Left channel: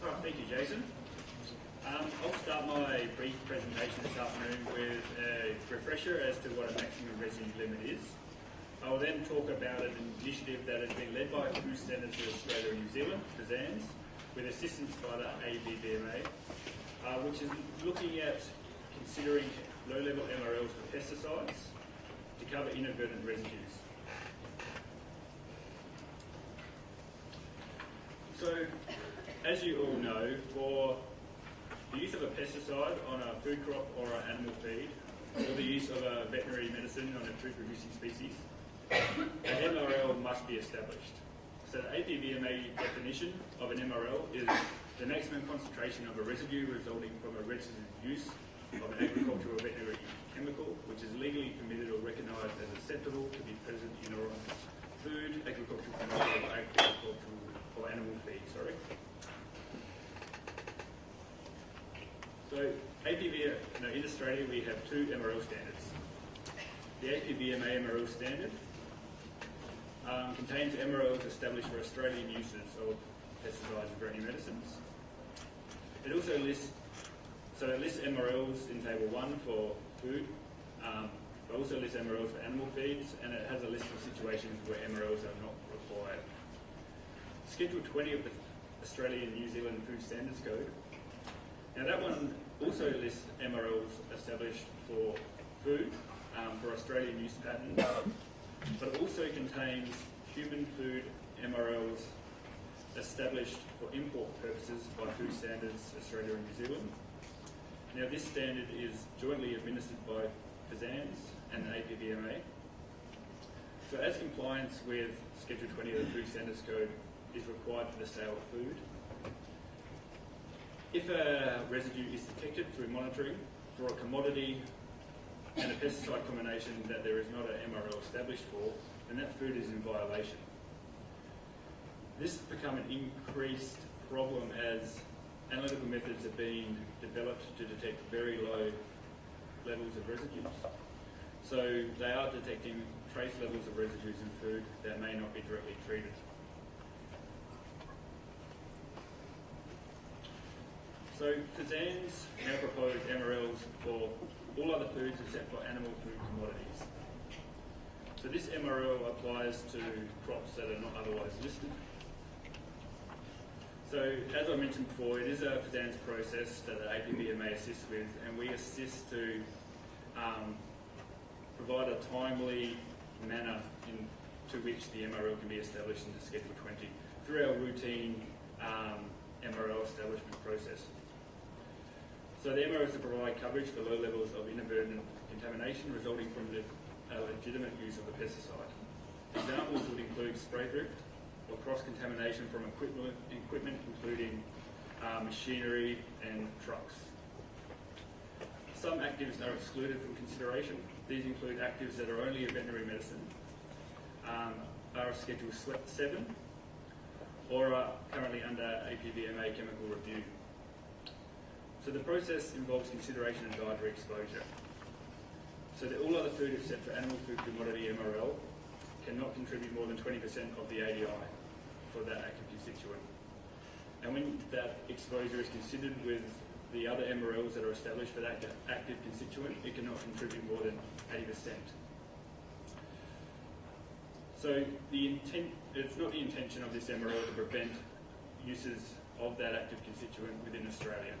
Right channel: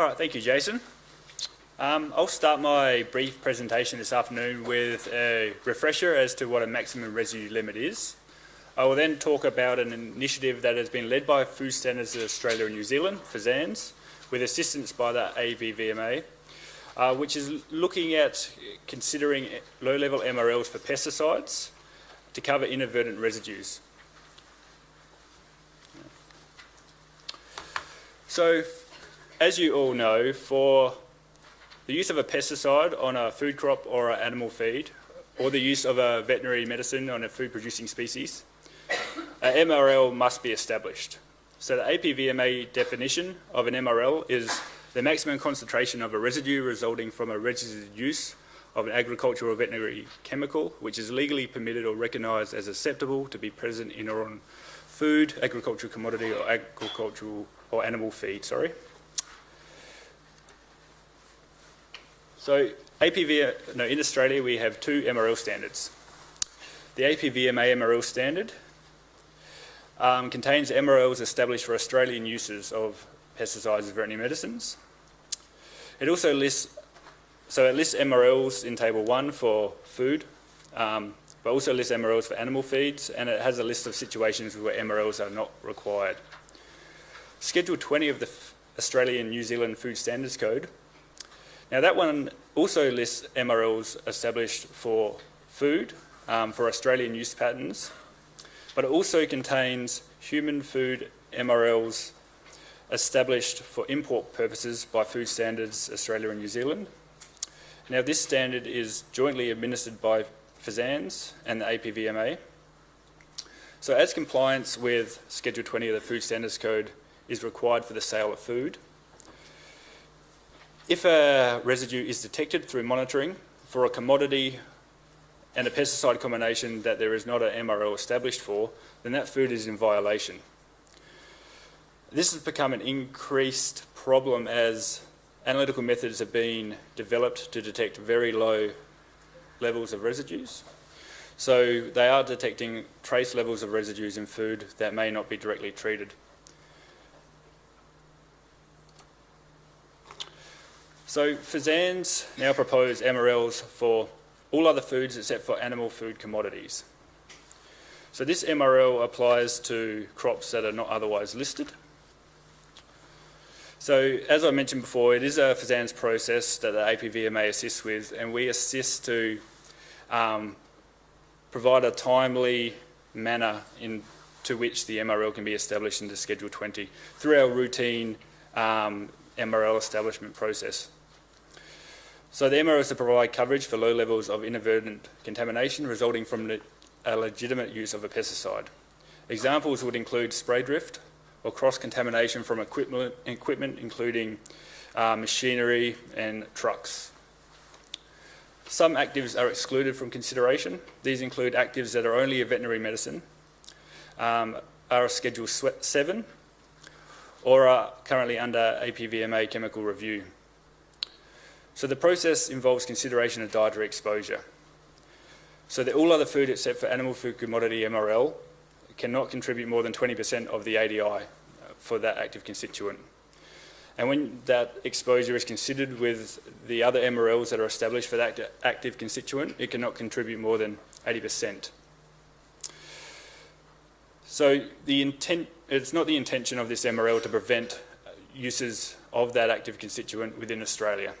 All right, thank you, Jason. I'll start my brief presentation this afternoon with a refresher as to what a maximum residue limit is. I will then talk about an initiative that has been led by Food Standards Australia and New Zealand, FSANZ, with assistance by the APVMA, which is looking at considering low-level MRLs for pesticides to cover inadvertent residues. So, as you all know, for the use of a pesticide on a food crop or an animal feed, or the use of a veterinary medicine on a food-producing species, an MRL must be established. So the APVMA definition of an MRL is the maximum concentration of a residue resulting from a registered use of an agricultural or veterinary chemical which is legally permitted or recognised as acceptable to be present in or on food, agricultural commodity or agricultural or animal feed, So in Australia we have two MRL standards. The APVMA MRL standard contains MRLs established for Australian uses of pesticides and veterinary medicines. It also lists MRLs in Table 1 for food, but also lists MRLs for animal feeds, and it has a list of situations where MRLs are not required. Schedule 20 of the Australian New Zealand Food Standards Code. Now that one also lists MRLs established for food, for Australian use patterns, but it also contains human food MRLs established for import purposes by Food Standards Australia and New Zealand. Now this standard is jointly administered by FSANZ and the APVMA. So as compliance with Schedule 20 of the Food Standards Code is required for the sale of food, if a residue is detected through monitoring for a commodity and a pesticide combination that there is not an MRL established for, then that food is in violation. This has become an increased problem as analytical methods have been developed to detect very low levels of residues. So they are detecting trace levels of residues in food that may not be directly treated. So FSANZ now propose MRLs for all other foods except for animal food commodities. So this MRL applies to crops that are not otherwise listed. So as I mentioned before, it is a FSANZ process that the APVMA assists with, and we assist to provide a timely manner to which the MRL can be established into Schedule 20 through our routine MRL establishment process. So the MRL is to provide coverage for low levels of inadvertent contamination resulting from a legitimate use of a pesticide. Examples would include spray drift or cross-contamination from equipment including machinery and trucks. Some actives are excluded from consideration. These include actives that are only a veterinary medicine, are Schedule 7, or are currently under APVMA chemical review. So the process involves consideration of dietary exposure. So that all other food except for animal food commodity MRL cannot contribute more than 20% of the ADI for that active constituent. And when that exposure is considered with the other MRLs that are established for that active constituent, it cannot contribute more than 80%. So it's not the intention of this MRL to prevent uses of that active constituent within Australia.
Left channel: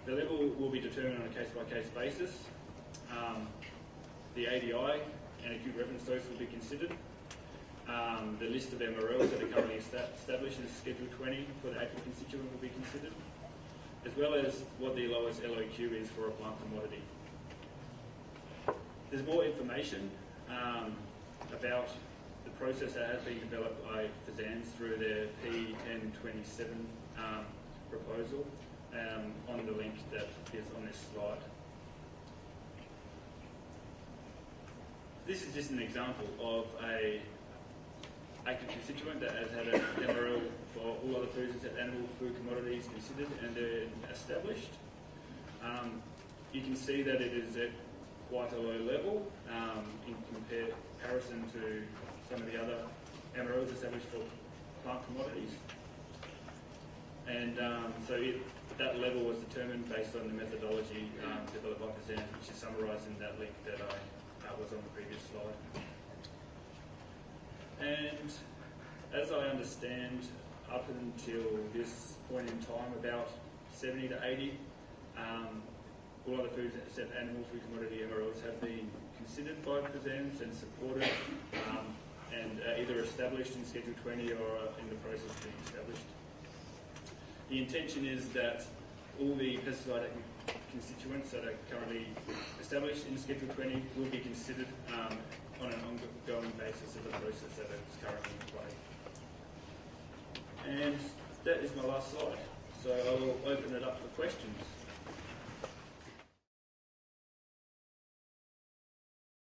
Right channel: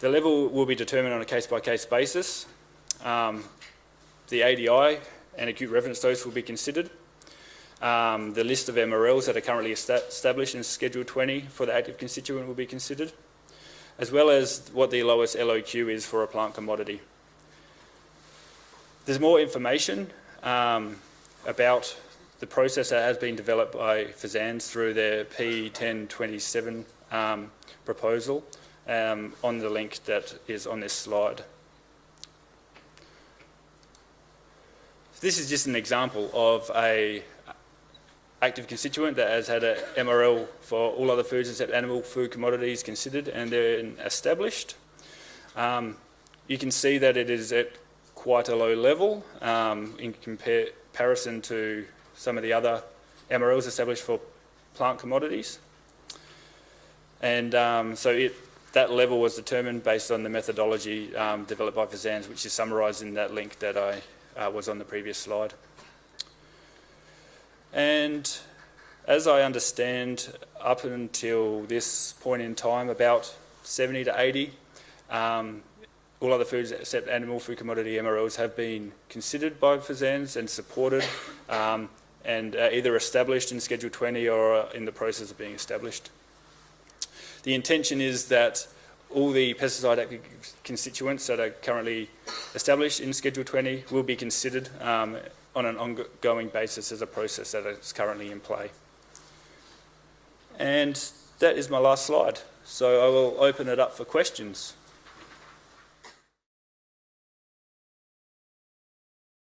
The level will be determined on a case-by-case basis. The ADI and acute reference dose will be considered. The list of MRLs that are currently established in Schedule 20 for the active constituent will be considered, as well as what the lowest LOQ is for a plant commodity. There's more information about the process that has been developed by FSANZ through their P1027 proposal on the link that is on this slide. This is just an example of a active constituent that has had an MRL for all other foods except animal food commodities considered and they're established. You can see that it is at quite a low level in comparison to some of the other MRLs established for plant commodities. And that level was determined based on the methodology developed by FSANZ, which is summarised in that link that I was on the previous slide. And as I understand, up until this point in time, about 70 to 80, all other foods except animal food commodity MRLs have been considered by FSANZ and supported, and either established in Schedule 20 or in the process of being established. The intention is that all the pesticide active constituents that are currently established in Schedule 20 will be considered on an ongoing basis as a process that is currently in play. And that is my last slide. So I will open it up for questions.